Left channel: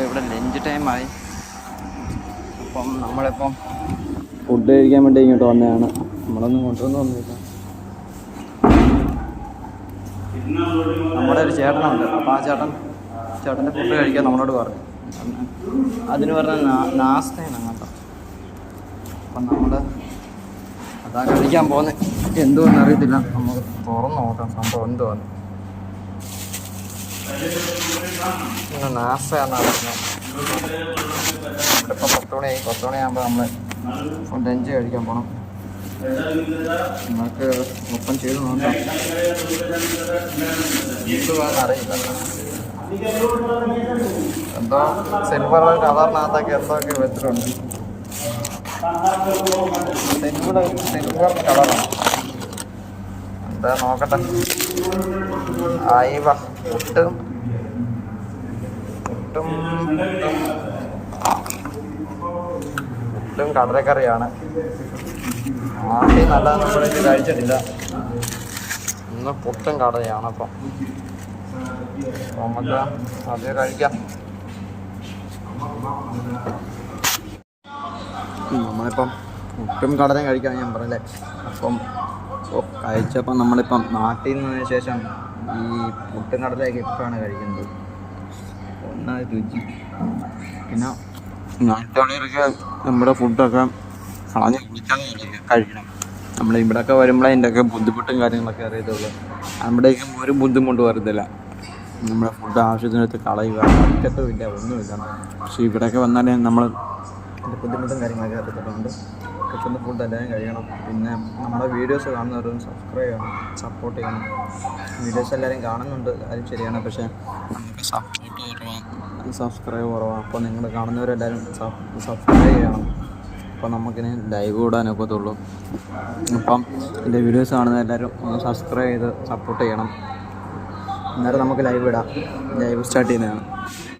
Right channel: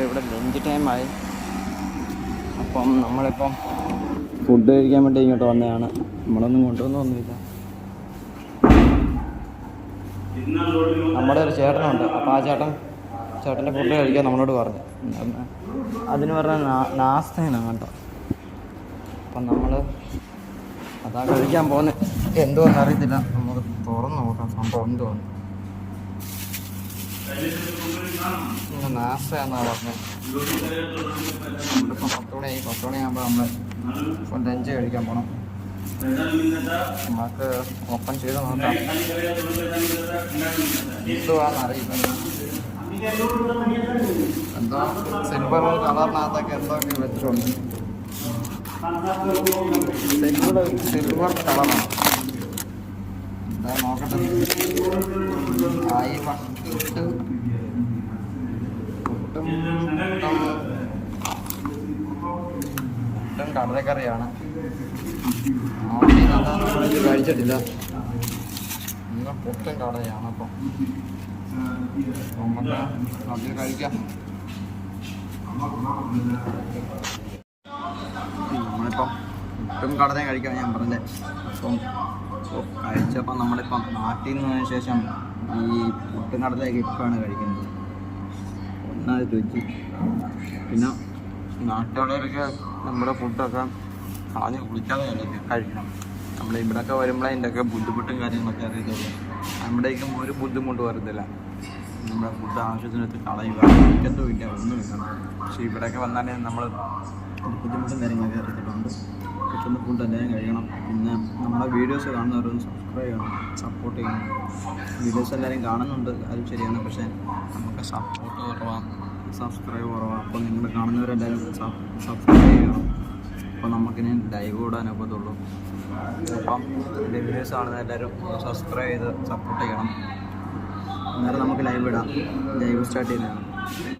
അപ്പോൾ ഇവിടെ ലഞ്ച് ടൈമായി. അപ്പം നമ്മളിപ്പം ഫുഡ് കഴിക്കാൻ വേണ്ടി ഇങ്ങോട്ട് വന്നതാണ്. നമ്മളൊന്നും കൊണ്ടുവന്നൊന്നുമില്ല. നമ്മുടെ ഒരു ചേട്ടനുണ്ട്. അപ്പോൾ ആ ചേട്ടൻ്റെ ഫുഡ് കഴിക്കാൻ നമ്മളോട് പറഞ്ഞു. അതിന് പറഞ്ഞ നാസ്തയാണ് കേട്ടോ. അപ്പം നമ്മൾ അതാ കഴിക്കാൻ പോകുന്നത്. എന്തുകൊണ്ടെന്ന് അറിയത്തില്ല. നമുക്ക് തുറന്ന് നോക്കാം സംഭവം എന്തുവാന്ന്. നാസ്തയാണെന്നാണ് പറഞ്ഞത്. നമ്മളിപ്പോൾ 10 മണിയാകുമ്പോൾ നമ്മൾ ലഞ്ച് കഴിക്കാൻ പോകണം. നമുക്ക് ഓപ്പൺ ചെയ്ത് നോക്കാം എന്തുവാന്നറിയില്ല. എന്തോ സിൽവർ കളറിനകത്തൊക്കെ എന്തൊക്കെ വെച്ചിട്ടുണ്ട്. സിൽവർ കളറാണ്. എന്താ നോക്കട്ടെ. അയവ പുട്ടും കടലക്കറിയാണ്. ആദ്യം നല്ല നമ്മൾ കഴിച്ചിട്ടില്ല. ഇന്ന് പുട്ടും കടലയാണ്. അപ്പം നമുക്ക് ആദ്യം കഴിക്കാം. നമ്മളിപ്പം പുട്ടും കടലയും കഴിക്കാൻ ഞാൻ പറഞ്ഞേ. അപ്പം കഴിച്ചപ്പം നമ്മളിപ്പം നാട്ടിൽ നിന്നതിന് ശേഷം ഈ പുട്ടും കടലയൊക്കെ ഇപ്പോഴാണ് കഴിക്കുന്നത്. ഒന്നാമത് രുചി. പിന്നെ നാട്ടുകളിലൊക്കെ നമ്മുടെ ഫുഡൊക്കെ കളഞ്ഞ് കുളിക്കാതെ കഴിക്കണം. നമ്മൾ ഇവിടെയൊക്കെ വരുമ്പോഴേ അതിൻ്റെയൊക്കെ ബുദ്ധിമുട്ടും കാര്യങ്ങളൊക്കെ അറിയത്തുള്ളൂ. അവിടേക്കും ഒരു ബുദ്ധിമുട്ട് വരത്തില്ല. നമ്മുടെ ഫുഡ് ആവശ്യത്തിനടുത്ത് കളയുക, കഴിക്കത്തുമില്ല, ഒന്നുമില്ല. പക്ഷേ ഇവിടെയൊക്കെ വന്നാലേ നമ്മൾ ബുദ്ധിമുട്ടും കാര്യങ്ങളൊക്കെ അറിയത്തുള്ളതുകൊണ്ട് കിട്ടുന്ന ഫുഡ് എല്ലാവരും കഴിയണം. പിന്നെ നമ്മുടെ വീഡിയോസ് കാണുന്നവരൊന്ന് സബ്സ്ക്രൈബ് ചെയ്യണം, സപ്പോർട്ട് ചെയ്യണം. വീഡിയോസ് എല്ലാവരും കാണുന്നുണ്ട്, കാര്യം ശരിയാണ്. പക്ഷേ നമുക്ക് സപ്പോർട്ട് കുറവാണ്, സബ്സ്ക്രൈബ് കുറവാണ്. അപ്പോൾ നിങ്ങൾ കാണുന്നവരെല്ലാവരും സബ്സ്ക്രൈബ് ചെയ്യണം. അപ്പോൾ നമുക്കിനി ലൈവ് ഇടാനൊക്കത്തുള്ളൂ. അപ്പം എൻ്റെ വീഡിയോസ് കാണുന്ന എല്ലാവരും സബ്സ്ക്രൈബ് ചെയ്ത് സപ്പോർട്ട് ചെയ്യണം. അന്നേരം നമുക്ക് ലൈവ് ഇടാം. ലൈവ് സ്റ്റാർട്ട് ചെയ്യുന്നതാണ്.